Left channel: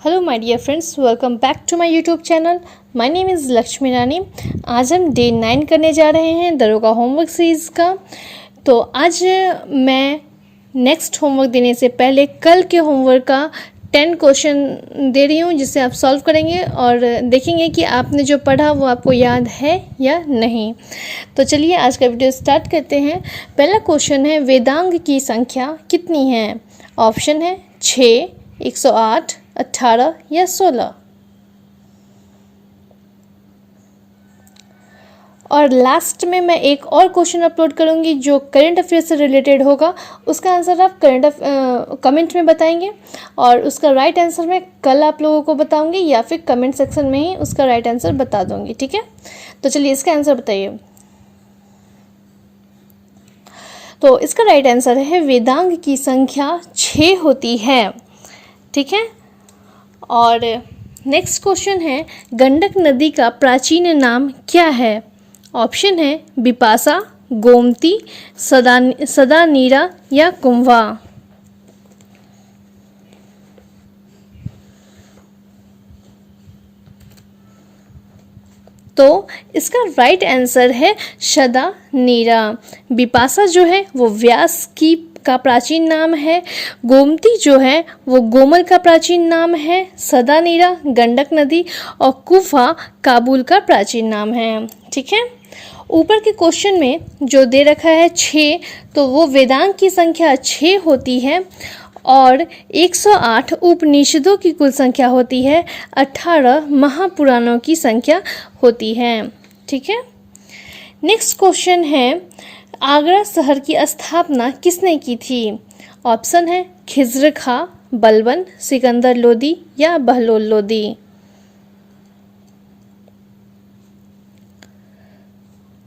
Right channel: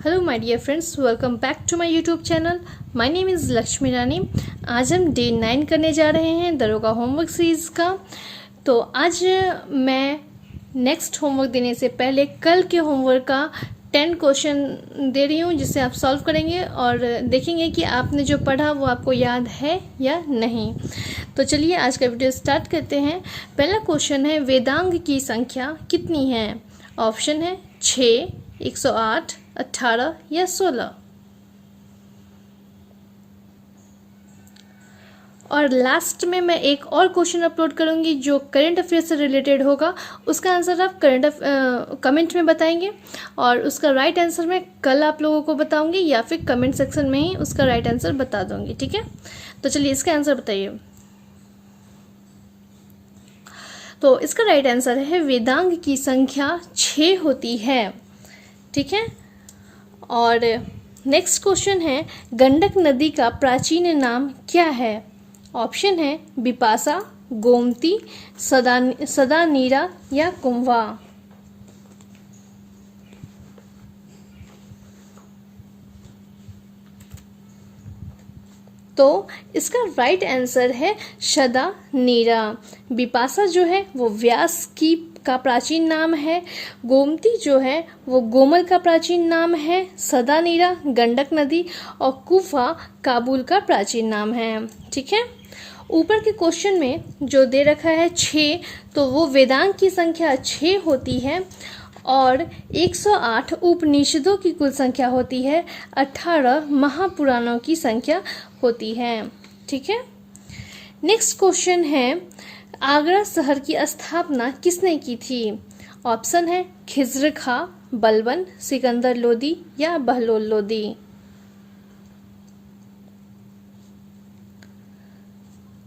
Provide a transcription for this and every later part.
Hello my dear friends, welcome back to my YouTube channel. My name is Lakshmi Rani. आज हम day 9 करने जा रहे हैं दरोगा होमवर्क सीरीज़ का। तो आज मैं नेक्स्ट होमवर्क देने से पहले कल के होमवर्क का 10 क्वेश्चन दे रही हूँ, जिसे आप सॉल्व करेंगे और देखेंगे कि आपने जो पढ़ा वो आपको याद है या नहीं। तो चलिए आज का वीडियो स्टार्ट करते हैं। पहला क्वेश्चन है, वेदांग की संख्या कितनी है? ऑप्शन है 6, 108, 18 या 16। और लास्ट में मैं एक और क्वेश्चन अपलोड करूंगी जो करंट अफेयर से रिलेटेड होगा। उसका आंसर आप कमेंट में बताएंगे और उसका राइट आंसर मैं कल आप लोगों को बताऊंगी या फिर कमेंट सेक्शन में ही उसका राइट आंसर बता दूंगी। ठीक है, तो चलिए इसका आंसर बताइए। तो इसका राइट आंसर है वेदांग की संख्या 6 होती है। ठीक है, और नेक्स्ट क्वेश्चन है, गंडक नदी का प्राचीन नाम क्या है? ऑप्शन है बिपाशा, गोमती, सदा नीरा या कुंभा। तो इसका राइट आंसर है सदा नीरा। बिपाशा जो है वो व्यास की का प्राचीन नाम है, गोमती जो है वो गोमल का प्राचीन नाम है, सदा नीरा गंडक नदी और कुफा काबुल का प्राचीन नाम है। ठीक है, ऊपर के क्वेश्चन में जो दे रखा है 6, तो वो वेदांग की संख्या 6 होती है और 108 उपनिषदों की कुल संख्या होती है, 18 महापुराणों की संख्या होती है। ठीक है, नेक्स्ट क्वेश्चन है, आगरा शहर की स्थापना किसने की थी? ऑप्शन है खिज्र खां, बलबन, सिकंदर लोदी या बहलोल लोदी।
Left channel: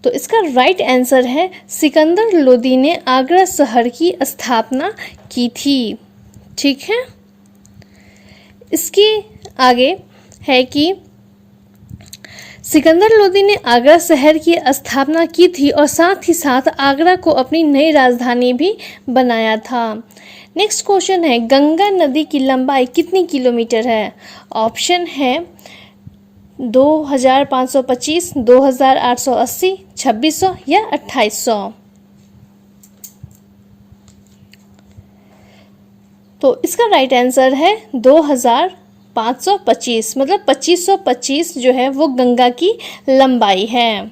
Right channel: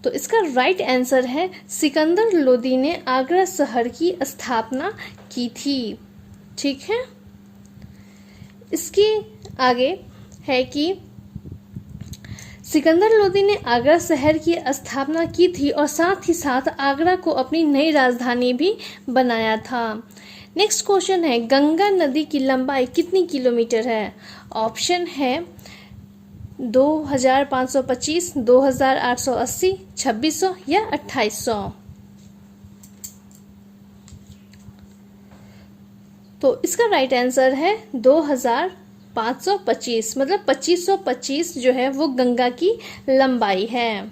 तो इसका राइट आंसर है सिकंदर लोदी ने आगरा शहर की स्थापना की थी। ठीक है, इसके आगे है कि सिकंदर लोदी ने आगरा शहर की स्थापना की थी और साथ ही साथ आगरा को अपनी नई राजधानी भी बनाया था। नेक्स्ट क्वेश्चन है, गंगा नदी की लंबाई कितनी किलोमीटर है? ऑप्शन है 2525, 2880, 2600 या 2800। तो इसका राइट आंसर है 2525, मतलब 2525 जो है वो गंगा की लंबाई है।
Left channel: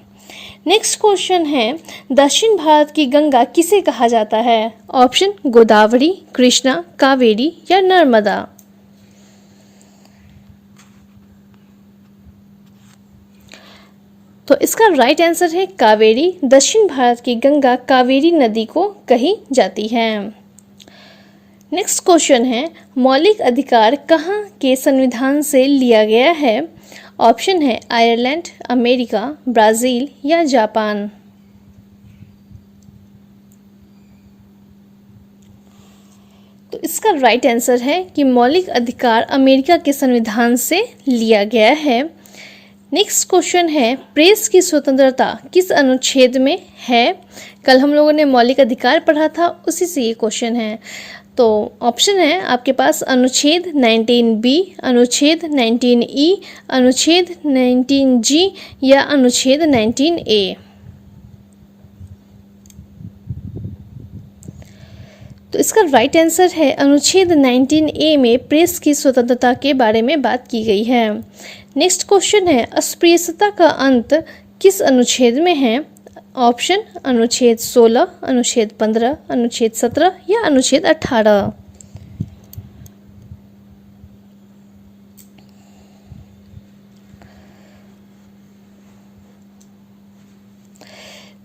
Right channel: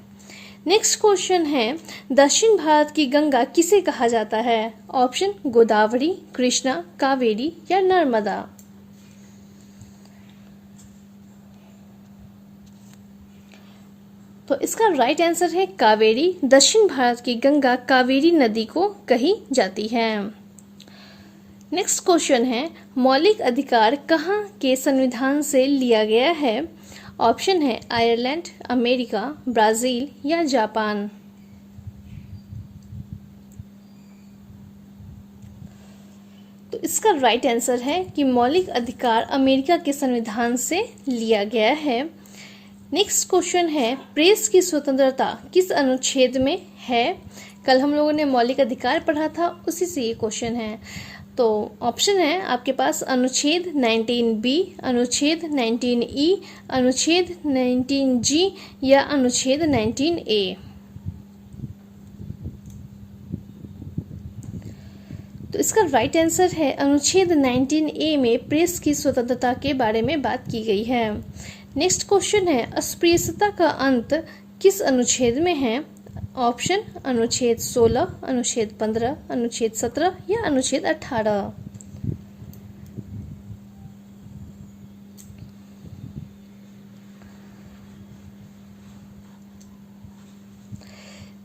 नेक्स्ट क्वेश्चन है, दक्षिण भारत की गंगा किसे कहा जाता है? ऑप्शन गोदावरी, कृष्णा, कावेरी या नर्मदा। तो इसका राइट आंसर है कावेरी। दक्षिण भारत की गंगा कावेरी नदी को कही जाती है। नेक्स्ट क्वेश्चन है, मौलिक अधिकार कहाँ के संविधान से लिया गया है? ऑप्शन है आयरलैंड, अमेरिका, ब्राज़ील या जापान। तो इसका राइट आंसर है कि मौलिक अधिकार अमेरिका के संविधान से लिया गया है। नेक्स्ट क्वेश्चन है, प्रेस की स्वतंत्रता किस अनुच्छेद में है? कल हम लोगों ने मौलिक अधिकार पढ़ा था, उसी से ये क्वेश्चन है। तो ऑप्शन है आपके पास अनुच्छेद 19B, अनुच्छेद 19E, अनुच्छेद 19G या अनुच्छेद 19A। तो इसका राइट आंसर है अनुच्छेद 19A में प्रेस की स्वतंत्रता के बारे में बात की गई है। नेक्स्ट क्वेश्चन है, अस्पृश्यता का अंत किस अनुच्छेद में है? ऑप्शन अनुच्छेद 16, अनुच्छेद 15, अनुच्छेद 17 या अनुच्छेद 18।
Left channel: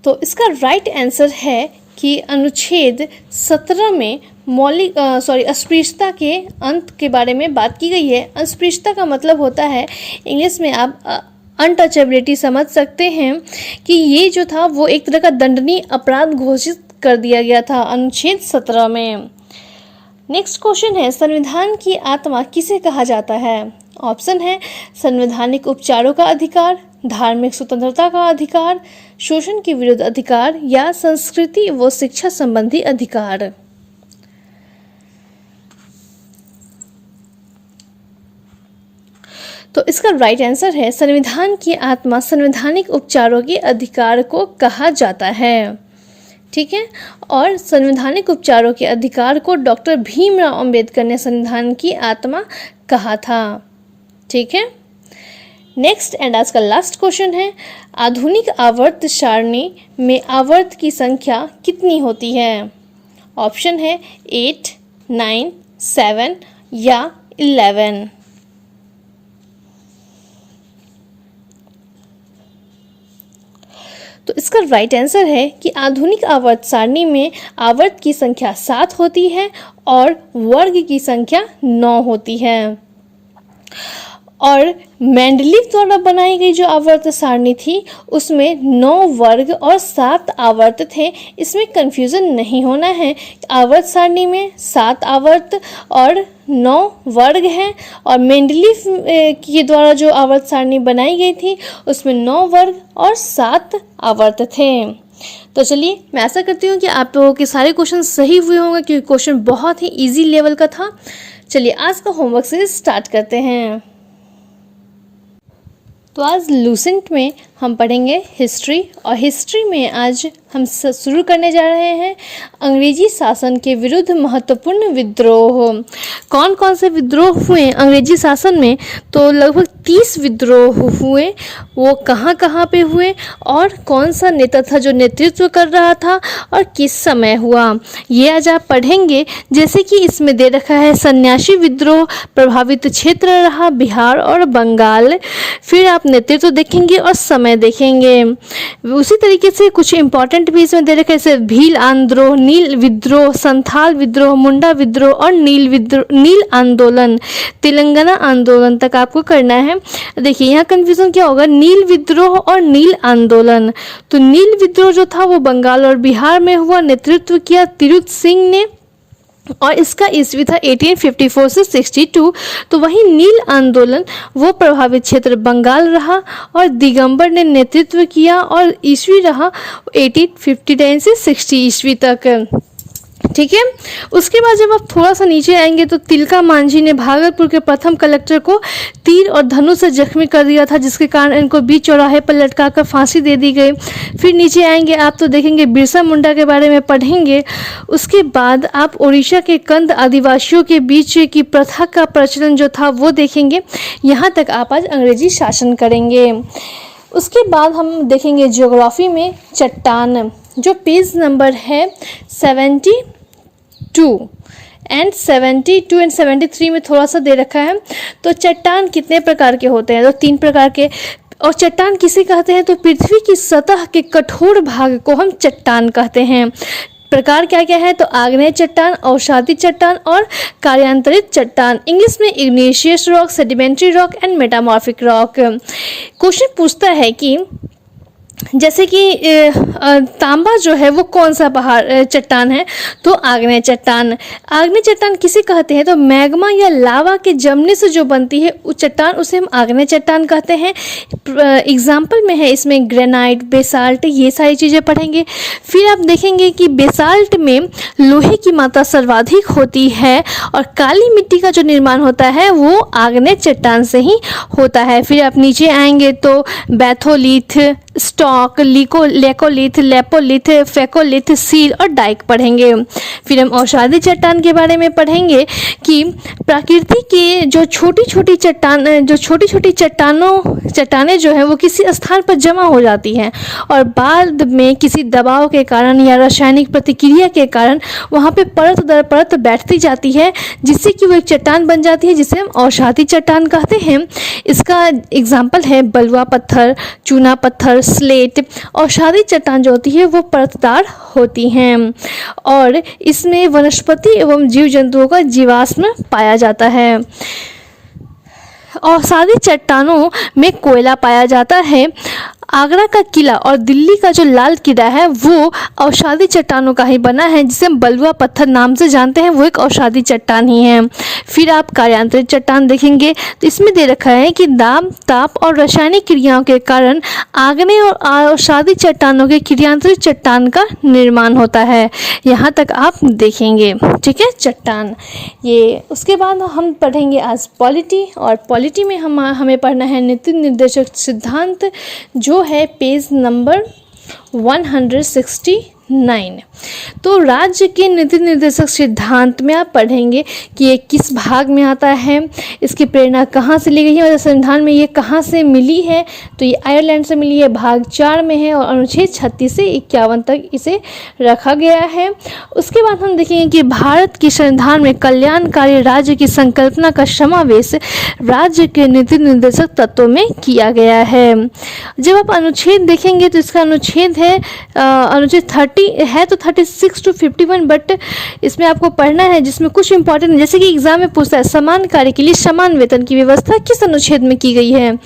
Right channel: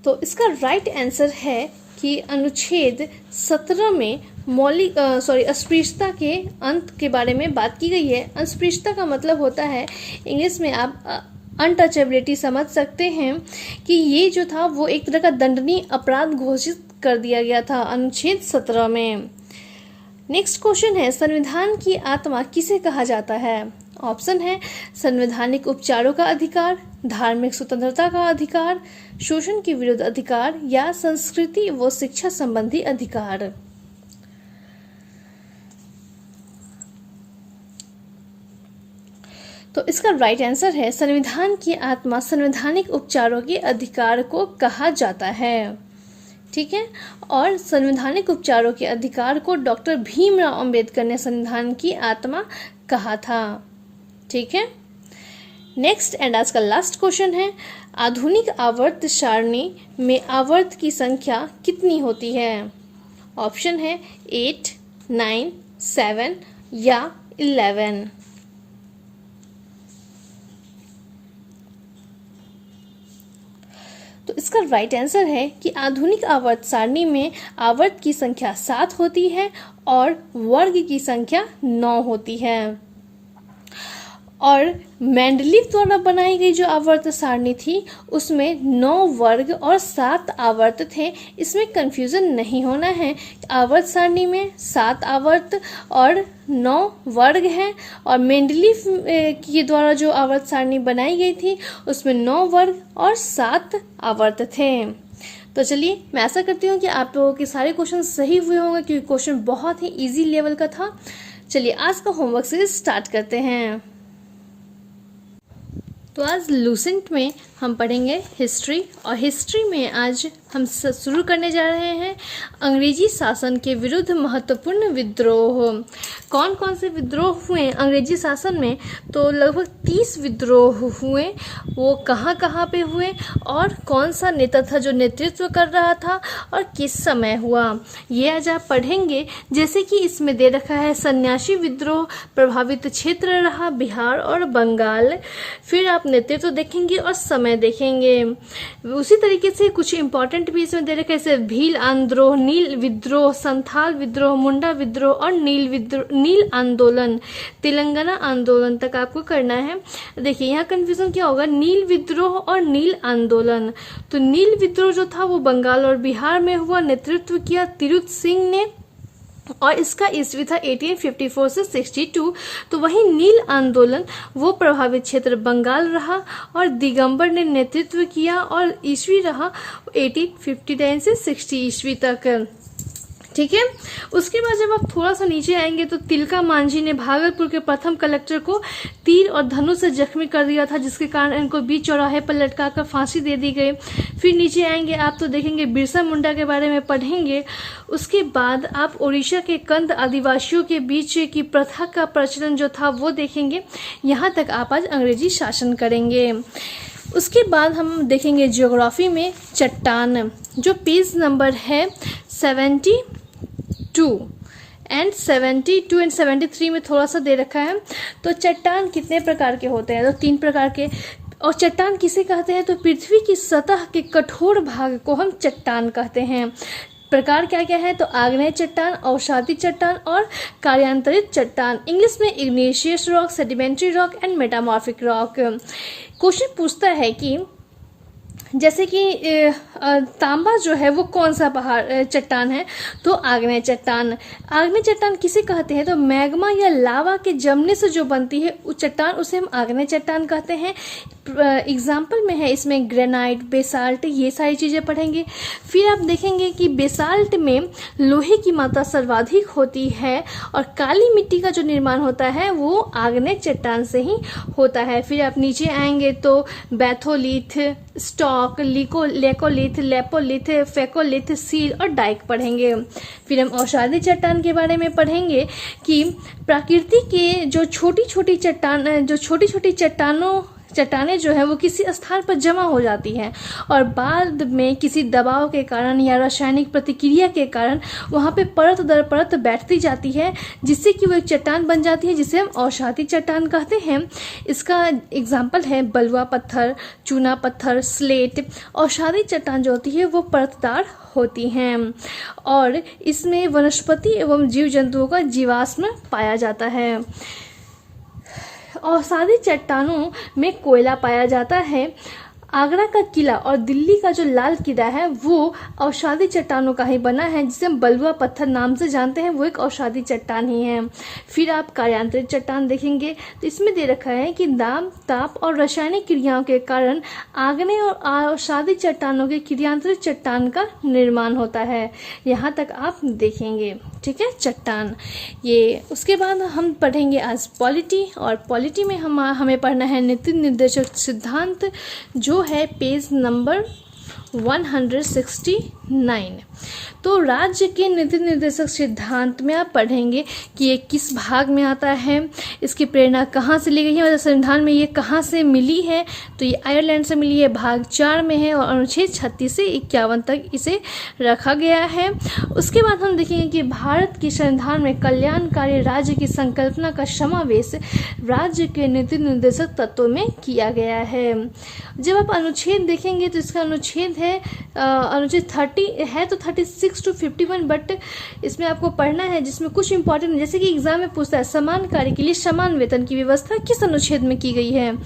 तो इसका राइट आंसर है कि अनुच्छेद 17 में अस्पृश्यता के अंत के बारे में बात की गई है। अस्पृश्यता का मतलब होता है, इंग्लिश में आप अनटचेबिलिटी समझ सकते हैं कि ये जो था वो एक तरह का दंडनीय अपराध घोषित कर दिया गया था अनुच्छेद 17 में। नेक्स्ट क्वेश्चन है, संविधान की आत्मा किसे कहा जाता है? ऑप्शन है संवैधानिक उपचारों का अधिकार, धार्मिक स्वतंत्रता का अधिकार, शोषण के विरुद्ध अधिकार या संस्कृति व शिक्षा संबंधी अधिकार। तो इसका राइट आंसर है संविधान की आत्मा संवैधानिक उपचारों के अधिकार को कहा जाता है। ठीक है, और संवैधानिक उपचारों के अधिकार को डॉक्टर भीमराव अंबेडकर ने संविधान की आत्मा कहा था। ठीक है, नेक्स्ट एंड आज का लास्ट क्वेश्चन है, आधुनिक आवर्त सारणी में आवर्त की संख्या कितनी होती है? ऑप्शन है 8, 9, 7 या 11। तो इसका राइट आंसर है कि आधुनिक आवर्त सारणी में आवर्त की संख्या 7 होती है और वर्ग की संख्या 9 होती है। और मेंडलीव द्वारा बनाई गई जो आवर्त सारणी थी उसमें 9 वर्ग और 7 आवर्त थे। इसमें कंफ्यूजन नहीं होना है, आवर्त सारणी में 7 आवर्त और 9 वर्ग हैं और मेंडलीव के द्वारा जो आवर्त सारणी बनाई गई थी उसमें 9 वर्ग और 7 आवर्त थे। तो चलिए, मैं आशा करती हूँ कि आप लोगों के सारे क्वेश्चन सही हुए होंगे क्योंकि क्वेश्चन बहुत ही इजी लेवल का था। चलिए आज का होमवर्क से स्टार्ट करते हैं। तो आज लूसेंट में हम पढ़ेंगे हिस्ट्री, और हिस्ट्री में आज हम शुरू करने जा रहे हैं अंग्रेजी शासन के विरुद्ध महत्वपूर्ण विद्रोह। कौन कौन से विद्रोह हुए अंग्रेजी शासन में? तो लगभग 30 विद्रोह हुए। वो कहाँ कहाँ पे हुए और कौन सा नेता था जो नेतृत्व कर रहा था और किस समय हुआ, ये आज आप पढ़ेंगे। जैसे कि इसमें दे रखा है सन्यासी विद्रोह प्रभावित क्षेत्र रहा बिहार और बंगाल। फिर आप नेतृत्व देखेंगे और समय देखेंगे। उसी तरीके से कुछ इंपॉर्टेंट भी इसमें दे रखा है, जैसे भील आंद्रोह, नील विद्रोह, संथाल विद्रोह, मुंडा विद्रोह और नील आंदोलन, तेलंगाना आंदोलन तक आपको करना है। देखिए यहाँ कंफ्यूजन क्या होगा, नील विद्रोह और नील आंदोलन। तो नील विद्रोह जो था वो बंगाल और बिहार में हुआ, नेतृत्व किया तिरुत सिंह ने और इसका ईस्वी था 1854 से 62। तो वही नील आंदोलन वो प्रभावित क्षेत्र बंगाल रहा और दिगंबर ने नेतृत्व किया और ईस्वी रहा 1859 से 60 ईस्वी तक। ठीक है, उसके बाद जब आप थोड़ा सा नीचे आएंगे तो तिलका मांझी ने भागलपुर के प्रथम कलेक्टर को तीर और धनुष से जख्मी कर दिया था, जिसके कारण इनको बीच चौराहे पर लटकाकर फांसी दे दी गई। फिर नीचे आएंगे आप तो देखेंगे बिरसा मुंडा के बारे में पढ़ेंगे। उसके बाद आप उड़ीसा के कंद आदिवासियों के बीच की प्रथा का प्रचलन जो था वो देखेंगे। यहाँ तक आप आज अंग्रेजी शासन करेंगे। उसके बाद हम देखेंगे ज्योग्राफी में चट्टान, जो पेज नंबर है 72 एंड 73 में थोड़ा सा दे रखा है। तो चट्टान कितने प्रकार के होते हैं? तो 3 प्रकार के। और चट्टान किसे कहते हैं? तो पृथ्वी की सतह के कठोर भाग को हम चट्टान कहते हैं। प्रकार क्या क्या है? तो आग्नेय चट्टान, अवसादी चट्टान और कार्यांतरित चट्टान। इंग्लिश में Ignatius rock, sedimentary rock and metamorphic rock. Question पूछता है कि जैसे कि तांबा जो है वो कौन सा पहाड़ चट्टान है? तो आग्नेय चट्टान। आग्नेय चट्टान किसे कहते हैं? तो मैग्मा या लावा के जमने से जो बनती है उस चट्टान, उसे हम आग्नेय चट्टान कहते हैं। एग्जाम्पल में है इसमें ग्रेनाइट, बेसाल्ट, ये सारी चीज़ें पढ़ेंगे। फिर आप देखेंगे कि बेसाल्ट में लोहे की मात्रा सर्वाधिक होती है और काली मिट्टी का जो निर्माण होता है वो आग्नेय चट्टान से ही होता है। फिर आप नीचे आएंगे तो batholith, stock, laccolith, lopolith, phacolith, sill और डाइक पढ़ेंगे। फिर हम औषधि चट्टान के बारे में पढ़ेंगे कि प्रकृति के जो छोटी छोटी चट्टानें जो हैं वो किसी स्थान पर जमा हो जाती हैं और बाद में किसी दबाव के कारण या रासायनिक प्रतिक्रिया के कारण वहाँ पे परत दर परत बैठती जाती है, जिससे कि वो एक चट्टान बन जाती है, जिसे हम औषधि चट्टान कहते हैं। इसका एग्जाम्पल है बलुआ पत्थर, चूना पत्थर, स्लेट। औषधि चट्टान जो होती है वो परतदार होती हैं और इसमें वनस्पति एवं जीव जंतुओं का जीवाश्म पाया जाता है। औषधि चट्टानों में कोयला पाया जाता है। आगरा का किला और दिल्ली का जो लाल किला है वो अवसादी चट्टानों का ही बना है, जिसे हम बलुआ पत्थर नाम से जानते हैं, वो एक अवसादी चट्टान ही है। फिर आप कार्यांतरित चट्टान देखेंगे तो इसमें दे रखा है कि दाब, ताप और रासायनिक क्रियाओं के कारण आग्नेय और अवसादी चट्टानों के क्रियांतरित चट्टान का निर्माण होता है। यहाँ तक आप देखेंगे, ठीक है, चट्टान ये। उसके बाद हम पढ़ेंगे आज पॉलिटी, और पॉलिटी में हमें पढ़ना है नीति निर्देशक सिद्धांत, जो है पेज नंबर 169। तो राज्य के नीति निर्देशक सिद्धांत में आप पढ़ेंगे कि ये किस भाग में आता है, इसकी प्रेरणा कहाँ से ली गई है और संविधान में ये कहाँ से मिली है। तो ये आयरलैंड से मिली है, भाग 4 में है और अनुच्छेद 36 से 51 तक इसे रखा गया है। उसके बाद हम देखेंगे कि भारत के संविधान में कल्याणकारी राज्य की संकल्पना का समावेश राज्य के नीति निर्देशक तत्वों में किया गया है। जब आप अनुच्छेद देखेंगे तो इसका अनुच्छेद है अनुच्छेद 30 है तो 36 to 51, बट इसमें आपको पढ़ना है जिसमें कुछ इंपॉर्टेंट, जैसे कि एग्जाम में पूछता है समान कार्य के लिए समान वेतन की व्यवस्था किस अनुच्छेद में की गई है।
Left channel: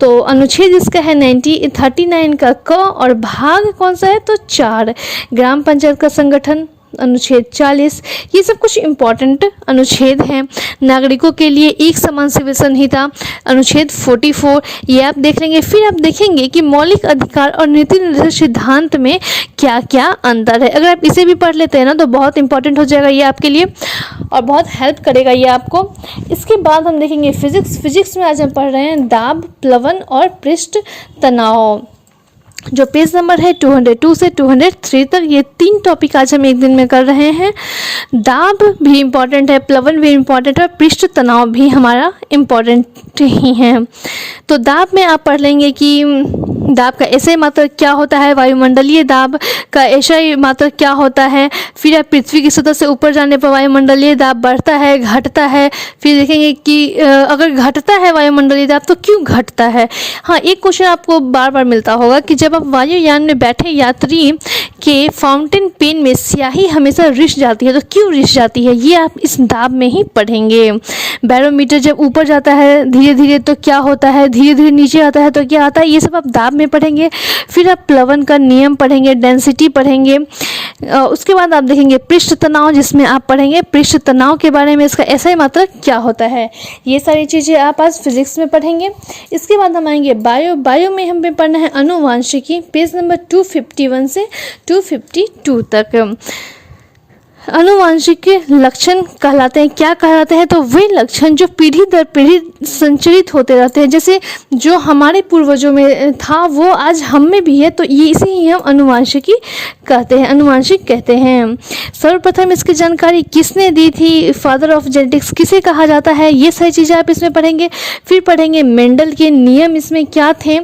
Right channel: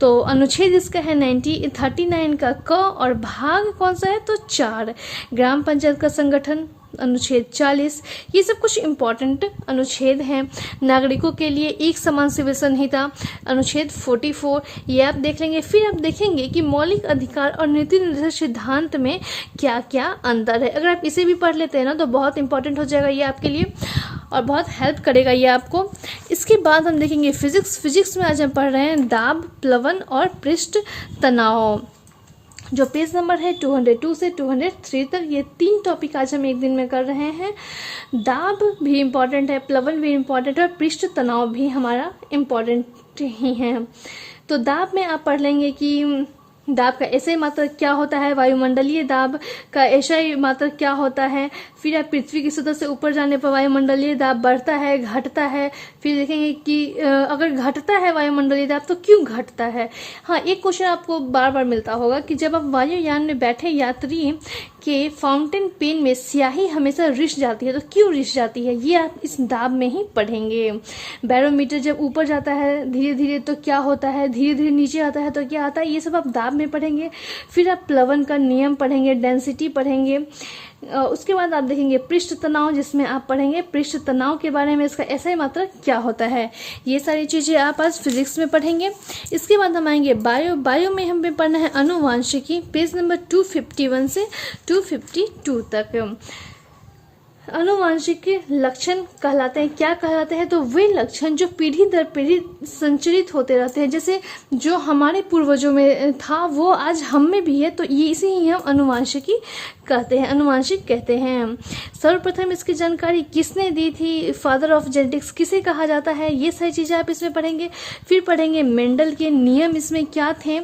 तो अनुच्छेद इसका है 39 का क, और भाग कौन सा है तो 4, ग्राम पंचायत का संगठन अनुच्छेद 40। ये सब कुछ इम्पॉर्टेंट अनुच्छेद हैं। नागरिकों के लिए एक समान सिविल संहिता अनुच्छेद 44, ये आप देख लेंगे। फिर आप देखेंगे कि मौलिक अधिकार और नीति निर्देशक सिद्धांत में क्या क्या अंतर है। अगर आप इसे भी पढ़ लेते हैं ना तो बहुत इंपॉर्टेंट हो जाएगा ये आपके लिए और बहुत हेल्प करेगा ये आपको। इसके बाद हम देखेंगे फिजिक्स में आज हम पढ़ रहे हैं दाब, प्लवन और पृष्ठ तनाव, जो पेज नंबर है 202 से 203 तक। ये 3 टॉपिक आज हम एक दिन में कर रहे हैं। दाब भी इम्पॉर्टेंट है, प्लवन भी इम्पॉर्टेंट है, पृष्ठ तनाव भी हमारा इम्पॉर्टेंट ही है। तो दाब में आप पढ़ लेंगे कि दाब का ऐसे मात्रक क्या होता है, वायुमंडलीय दाब का ऐसे मात्रक क्या होता है। फिर आप पृथ्वी की सतह से ऊपर जाने पर वायुमंडलीय दाब बढ़ता है, घटता है। फिर देखेंगे कि अगर घटता है वायुमंडलीय दाब तो क्यों घटता है। हाँ, एक क्वेश्चन आपको बार बार मिलता होगा कि जब आप वायुयान में बैठे यात्री के फाउंटेन पेन में स्याही हमेशा रिस जाती है, तो क्यों रिस जाती है, ये आप इस दाब में ही पढ़ेंगे। बैरोमीटर जब ऊपर जाता है धीरे धीरे तो क्या होता है, धीरे धीरे नीचे आता है तो क्या आता है, ये सब आप दाब में पढ़ेंगे। फिर आप प्लवन का नियम पढ़ेंगे, डेंसिटी पढ़ेंगे। उसके बाद आप देखेंगे पृष्ठ तनाव, जिसमें आप पढ़ेंगे पृष्ठ तनाव के बारे में, इसका ऐसा मात्रक क्या होता है। ये सारी चीज़ें आप आज फिजिक्स में पढ़ेंगे। इसके बाद हम आएंगे बायो में हमें पढ़ना है अनुवांशिकी, पेज नंबर 251 से 252 तक। अनुवांशिक के लक्षण कहलाते हैं, क्या कहलाते हैं, तो वे लक्षण जो पीढ़ी दर पीढ़ी संचरित होते रहते हैं। जैसे जो हमारे पूर्वजों में था वो आज हम में भी है, तो ये इसे ही हम अनुवांशिकी कहते हैं, अनुवांशिक कहते हैं। सर्वप्रथम इसकी जानकारी किसने दी थी, फादर ऑफ जेनेटिक्स किसे कहा जाता है, ये सारी चीज़ें आप इसमें पढ़ेंगे। फिर पढ़ेंगे मेंडल के नियम इसमें क्या थे,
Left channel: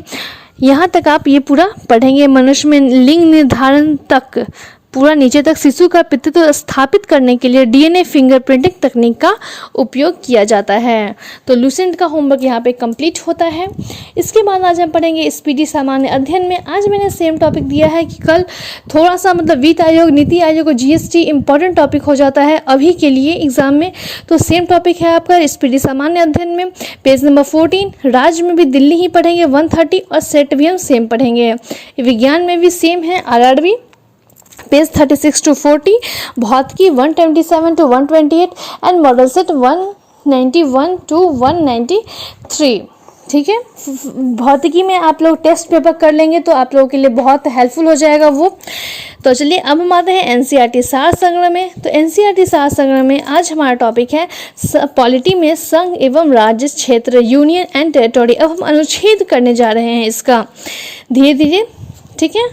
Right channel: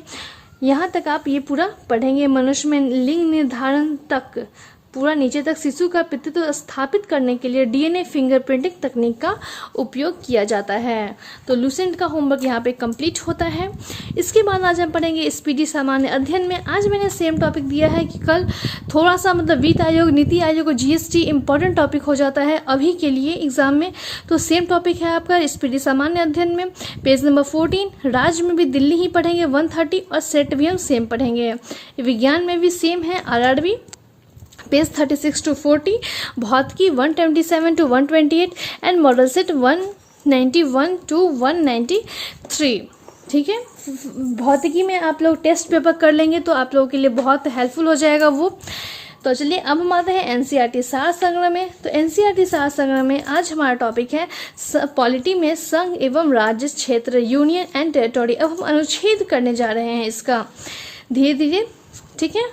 यहाँ तक आप ये पूरा पढ़ेंगे। मनुष्य में लिंग निर्धारण तक पूरा नीचे तक शिशु का पितृत्व स्थापित करने के लिए डीएनए फिंगरप्रिंटिंग तकनीक का उपयोग किया जाता है। तो लूसेंट का होमवर्क यहाँ पे कंप्लीट होता है। इसके बाद आज हम पढ़ेंगे स्पीडी सामान्य अध्ययन में। आज मैंने सेम टॉपिक दिया है कि कल थोड़ा सा मतलब वित्त आयोग, नीति आयोग और जीएसटी इंपॉर्टेंट टॉपिक हो जाता है अभी के लिए एग्जाम में। तो सेम टॉपिक है आपका स्पीडी सामान्य अध्ययन में, पेज नंबर 14। राज्य में भी दिल्ली ही पढ़ेंगे 130 और सेट भी हम सेम पढ़ेंगे। विज्ञान में भी सेम है आरआरबी, पेज 36 to 40, भौतिकी 127 to 128 and model set 191 to 193। ठीक है, भौतिकी में आप लोग टेस्ट पेपर कर लेंगे तो आप लोगों के लिए बहुत हेल्पफुल हो जाएगा वो। तो चलिए अब हम आते हैं एनसीईआरटी सार संग्रह में। तो एनसीईआरटी सार संग्रह में आज हमारा टॉपिक है पॉलिटी में संघ एवं राज्य क्षेत्र, यूनियन एंड टेरिटोरी। अब हम अनुच्छेद करने जा रहे हैं इसका धीरे धीरे, ठीक है।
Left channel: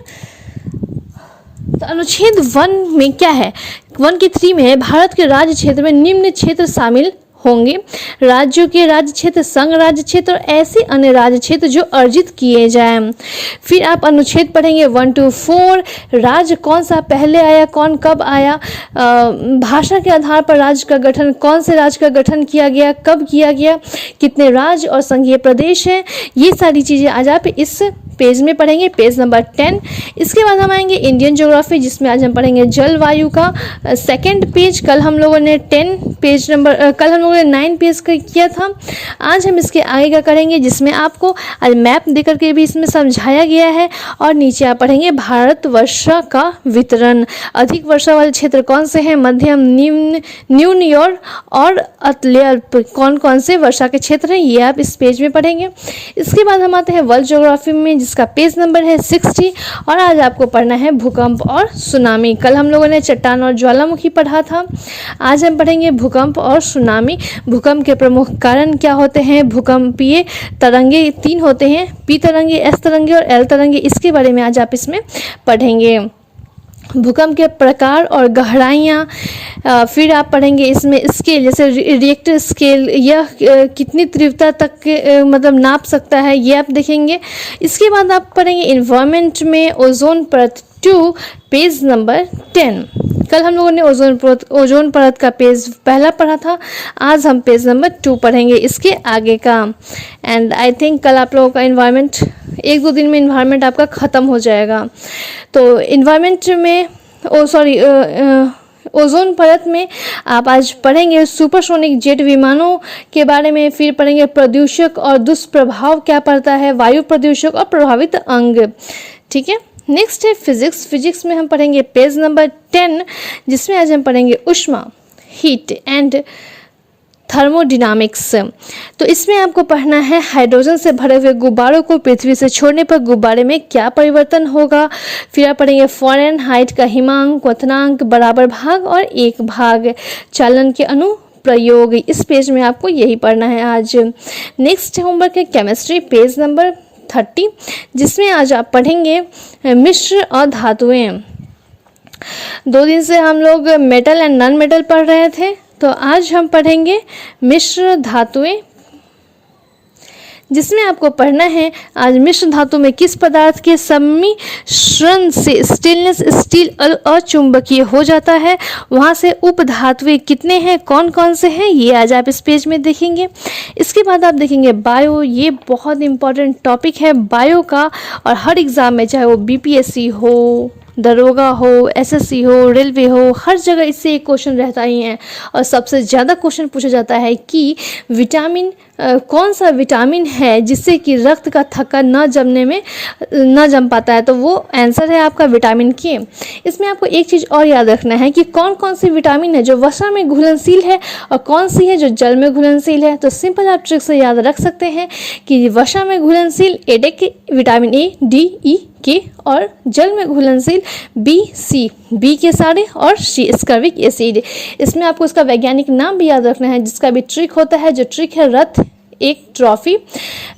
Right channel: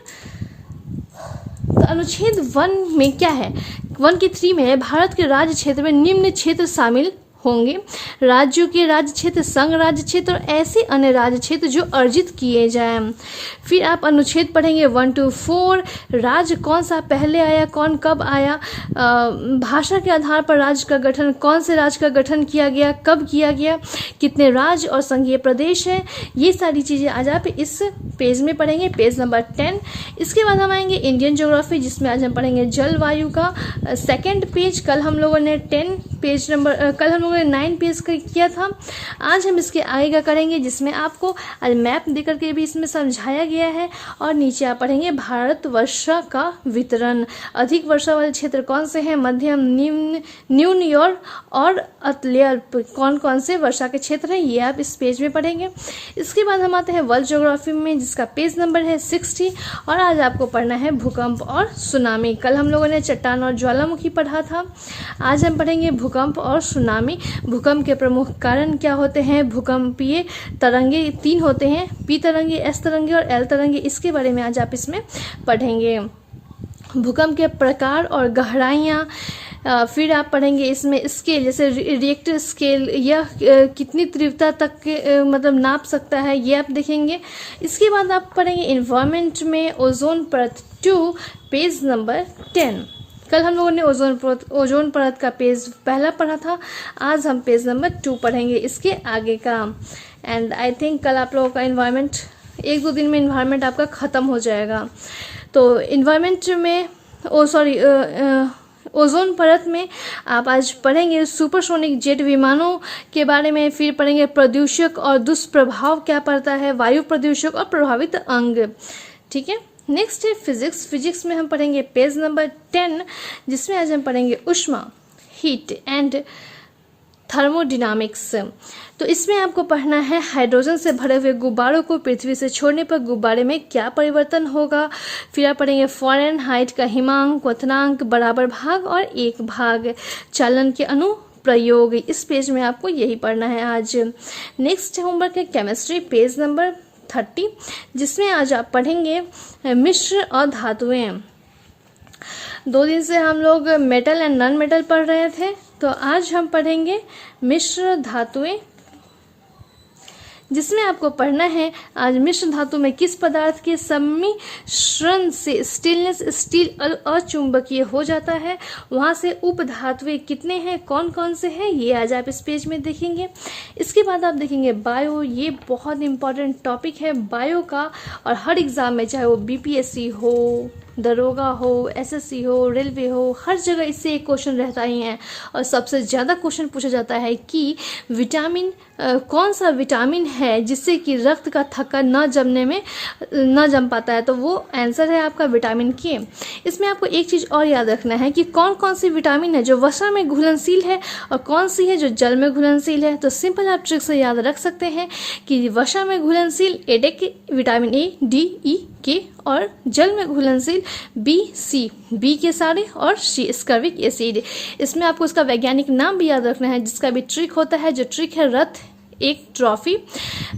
तो अनुच्छेद 1 में क्या है, 1 की 3 में है भारत के राज्य क्षेत्र में निम्न क्षेत्र शामिल होंगे, राज्यों के राज्य क्षेत्र, संघ राज्य क्षेत्र और ऐसे अन्य राज्य क्षेत्र जो अर्जित किए जाएं। फिर आप अनुच्छेद पढ़ेंगे 1 to 4, राज्य कौन सा पहले आया, कौन कब आया, भाषा के आधार पर राज्य का गठन, कौन से राज्य का गठन किया गया, कब किया गया, कितने राज्य और संघीय प्रदेश हैं। ये सारी चीज़ें आज आप इस पेज में पढ़ेंगे, पेज नंबर 10। इसके बाद हम आएंगे इंडियन ज्योग्राफी, जिसमें आज हम पढ़ेंगे जलवायु का सेकंड पेज। कल हम लोगों ने 9 पेज का किया था। आज हम इसके आगे का करेंगे, जिसमें आपको आज मैप देकर के भी इसमें समझाया गया है। और नीचे आप पढ़ेंगे भारत वर्षा का वितरण, अधिक वर्षा वाले क्षेत्र कौन से हैं, मध्यम, निम्न, न्यून और अति अल्प, कौन कौन से वर्षा के क्षेत्र हैं, ये आप इस पेज में पढ़ेंगे। इसके बाद हम आते हैं वर्ल्ड ज्योग्राफी में, जिसका पेज नंबर है 60। और आज आपको पढ़ना है भूकंप और सुनामी। कल हम लोगों ने चट्टान और ज्वालामुखी पढ़ा था। आज हम पढ़ेंगे भूकंप और सुनामी। भूकंप के प्रमुख कारण क्या होते हैं, भूकंपीय तरंगे 3 होते हैं, पी तरंगे, एस तरंगे और एल तरंगे। इसके बारे में आज आप इसमें पढ़ेंगे। भूकंप के प्रकार और गहराइयाँ, फिर आप पढ़ेंगे इसमें स्केल, जैसे रिएक्टर स्केल, यह कितनी तीव्रता तक मतलब नाप सकता है, ये आप देखेंगे। इसके बाद आप पढ़ेंगे इन्वायरमेंट में ओजोन परत 2, पेज नंबर 10। कल हम लोगों ने ओजोन परत का पेज पहला पढ़ा था। आज हम पेज नंबर 2 पढ़ेंगे इसके आगे का। एंड आई थिंक कल आप लोगों का इन्वायरमेंट 1-2 दिन में इन्वायरमेंट आपका ख़त्म हो जाएगा। तो इन्वायरमेंट में ओजोन परत में आप आज पढ़ेंगे सुपरसोनिक जेट विमानों के बारे में, फिर पढ़ेंगे प्रदूषक और दुष्प्रभाव क्या पड़ता है, वायु प्रदूषक और प्रभावित अंग। ठीक है, नेक्स्ट है फिजिक्स में हम पढ़ेंगे पेज नंबर 10, जिसमें आज हम पढ़ेंगे ऊष्मा, हीट एंड थर्मोडायनामिक्स। तो इसमें आपको पढ़ना है हाइड्रोजन से भरे हुए गुब्बारों को पृथ्वी से छोड़ने पर गुब्बारे में क्या परिवर्तन होगा। फिर आप पढ़ेंगे फ़ारेनहाइट का हिमांक, क्वथनांक, बराबर भाग और एक भाग, चालन के अनुप्रयोग। इस पेज में आपको यही पढ़ना है आज। नेक्स्ट होमवर्क है केमिस्ट्री, पेज नंबर 30, जिसमें आज आप पढ़ेंगे मिश्र और धातुएं। 2 दिन से हम लोग मेटल एंड नॉन मेटल पढ़ रहे थे, तो आज हम पढ़ेंगे मिश्र धातुएं, जिसमें आपको पढ़ना है आज मिश्र धातु में किस पदार्थ के सम्मिश्रण से स्टेनलेस स्टील अचुंबकीय हो जाता है, वहाँ से उपधातुएं कितने हैं, कौन कौन से हैं, ये आज आप इस पेज में देखेंगे। इसके बाद आप देखेंगे बायो, ये बहुत इंपॉर्टेंट टॉपिक है बायो का, और हर एग्ज़ाम में चाहे वो बीपीएससी हो, दरोगा हो, एसएससी हो, रेलवे हो, हर जगह इससे एक क्वेश्चन रहता ही है। और सबसे ज़्यादा क्वेश्चन पूछा जाता है कि विटामिन कौन सा विटामिन है जिससे कि रक्त का थक्का न जम पाता है, तो वो आंसर है आपका विटामिन के। इसमें आपको एक चीज़ और याद रखना है कि कौन कौन सी विटामिन है जो वसा में घुलनशील है और कौन सी है जो जल में घुलनशील है। तो सिंपल आप ट्रिक से याद रख सकते हैं कि वसा में घुलनशील विटामिन ए, डी, ई, के, और जल में घुलनशील बी, सी, बी के सारे, और सी स्कर्विक एसिड। इसमें आपको इसका वैज्ञानिक नाम भी याद रखना है, जिसका भी ट्रिक होता है, जो ट्रिक है रथ एक ट्रॉफी।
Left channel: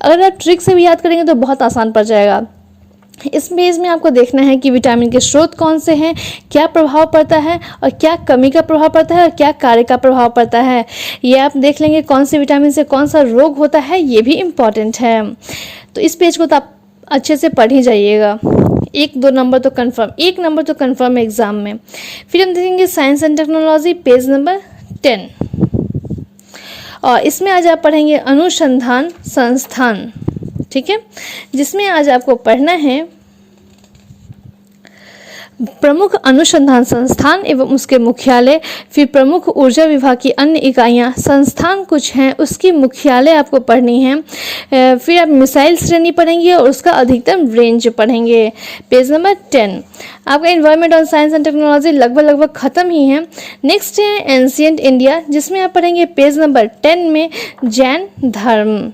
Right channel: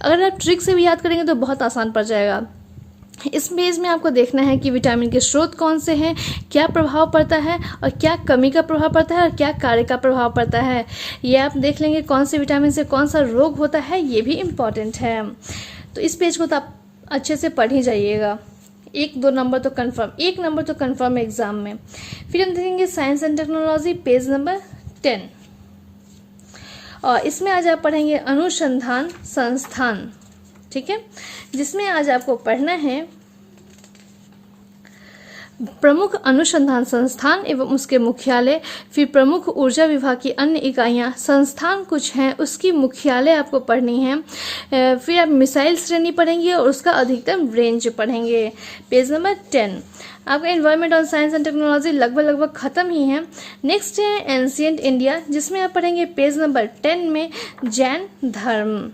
अगर आप ट्रिक से भी याद करेंगे तो बहुत आसान पड़ जाएगा। इस पेज में आपको देखना है कि विटामिन के स्रोत कौन से हैं, क्या प्रभाव पड़ता है, और क्या कमी का प्रभाव पड़ता है, और क्या कार्य का प्रभाव पड़ता है, ये आप देख लेंगे। कौन से विटामिन से कौन सा रोग होता है, ये भी इम्पॉर्टेंट है। तो इस पेज को तो आप अच्छे से पढ़ ही जाइएगा। 1-2 नंबर तो कंफर्म, 1 नंबर तो कंफर्म है एग्जाम में। फिर हम देखेंगे science and technology, page number 10, और इसमें आज आप पढ़ेंगे अनुसंधान संस्थान। ठीक है, जिसमें आज आपको पढ़ना है प्रमुख अनुसंधान संस्थान एवं उसके मुख्यालय, फिर प्रमुख ऊर्जा विभाग की अन्य इकाइयां, संस्थान कुछ हैं उसकी मुख्यालय आपको पढ़नी है। फिर आप मिसाइल श्रेणी पढ़ेंगे और उसका अधिकतम रेंज पढ़ेंगे, पेज नंबर 10। आपका एनवायरनमेंट और साइंस एंड टेक्नोलॉजी लगभग खत्म ही है। नेक्स्ट है एंशिएंट इंडिया, जिसमें आप पढ़ेंगे पेज नंबर 10 में जैन धर्म।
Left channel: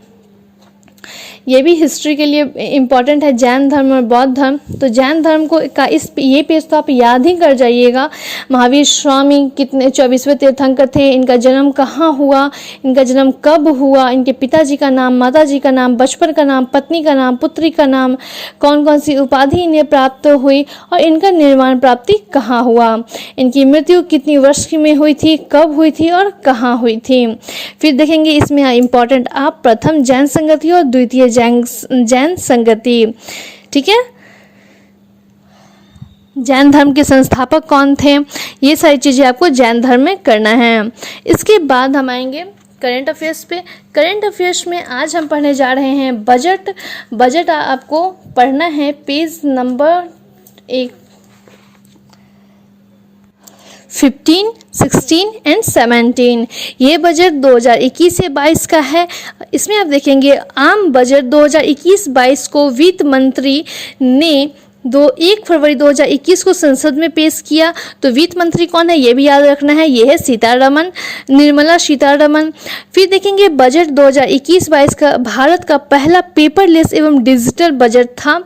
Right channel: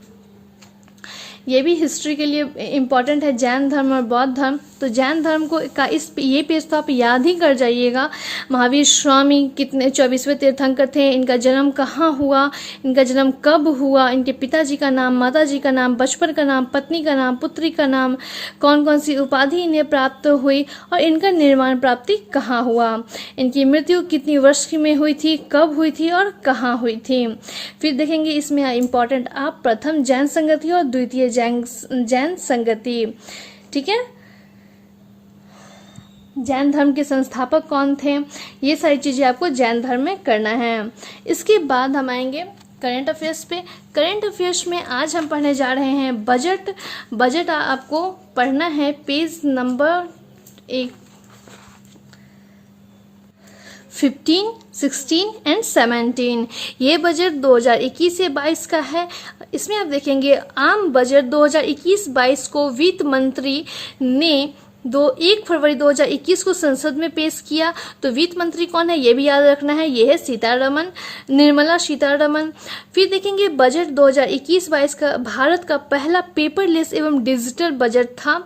ये भी हिस्ट्री के लिए इम्पॉर्टेंट है, जैन धर्म और बौद्ध धर्म। तो जैन धर्म को का ये पेज तो आप याद ही कर जाइएगा। महावीर स्वामी कितने 24वें तीर्थंकर थे, इनका जन्म कहाँ हुआ, इनका जन्म कब हुआ, इनके पिताजी का नाम, माताजी का नाम, बचपन का नाम, पत्नी का नाम, पुत्री का नाम, कौन कौन सी उपाधि इन्हें प्राप्त हुई, और इनका निर्माण प्राप्ति कहाँ हुआ, इनकी मृत्यु कितनी वर्ष में हुई थी, कब हुई थी और कहाँ हुई थी। फिर देखेंगे इसमें इम्पॉर्टेंट आप प्रथम जैन संगति और द्वितीय जैन संगति। ठीक है, जैन धर्म के संस्थापक कौन थे, ये सारी चीज़ें आपको जैन धर्म में करना है। इसके बाद हम आएंगे करंट अफेयर्स पे। करंट अफेयर्स में आज हम पढ़ने जा रहे हैं बजट। बजट आपको पढ़ना है पेज नंबर 15, 16 एंड 17। ये बजट 2021 से 22 का है। इसमें आप देखेंगे आम बजट 2021-22 को वित्त मंत्री ने 1 फरवरी 2021 को संसद में पेश किया। तो वित्त मंत्री कौन है ये भी याद रखना है, ये है सीतारमण, निर्मला सीतारमण। फिर देखेंगे बजट 2021-22 का भारत का पहला पेपरलेस एवं डिजिटल बजट था।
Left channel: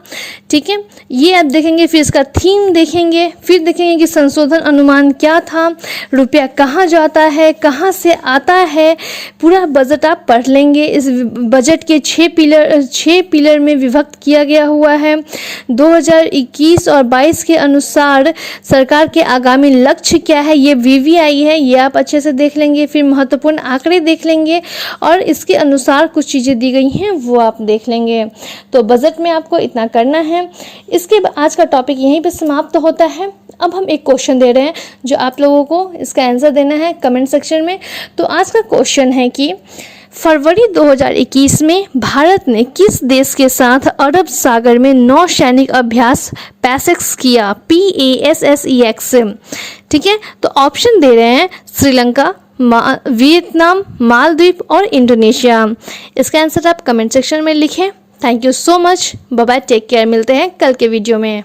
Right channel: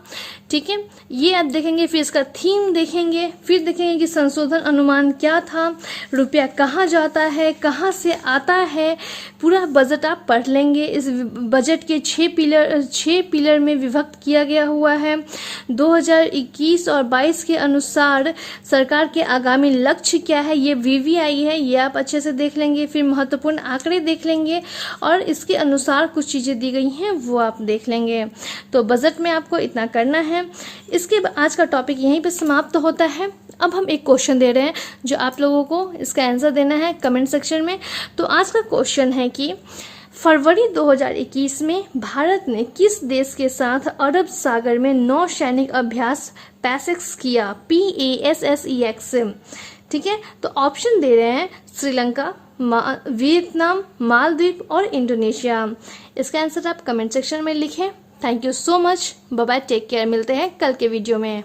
ठीक है, ये आप देखेंगे। फिर इसका थीम देखेंगे, फिर देखेंगे कि संशोधन अनुमान क्या था, रुपया कहाँ जाता है, कहाँ से आता है, पूरा बजट आप पढ़ लेंगे। इस बजट के 6 पिलर में विभक्त किया गया हुआ है। 2021 और 22 के अनुसार सरकार के आगामी लक्ष्य क्या है, ये VVI है, ये आप अच्छे से देख लेंगे। फिर महत्वपूर्ण आंकड़े देख लेंगे और इसके अनुसार कुछ चीज़ें दी गई हैं वो आप देख लेंगे। तो बजट में आपको इतना करना है। इसके आज का टॉपिक यहीं पर समाप्त होता है। अब हम एक क्वेश्चन दे रहे हैं जो आप लोगों को इसका आंसर देना है कमेंट सेक्शन में। तो आज का क्वेश्चन है कि फरवरी 2021 में भारत ने किस देश के साथ अरब सागर में नौसैनिक अभ्यास पैसेक्स किया, PASSEX। ठीक है, तो ऑप्शन दे रहे हैं श्रीलंका, वियतनाम, मालदीव और इंडोनेशिया। इसका आंसर आप कमेंट सेक्शन में लिखें। Thank you so much, bye bye, take care. मिलते हैं कल के वीडियो में।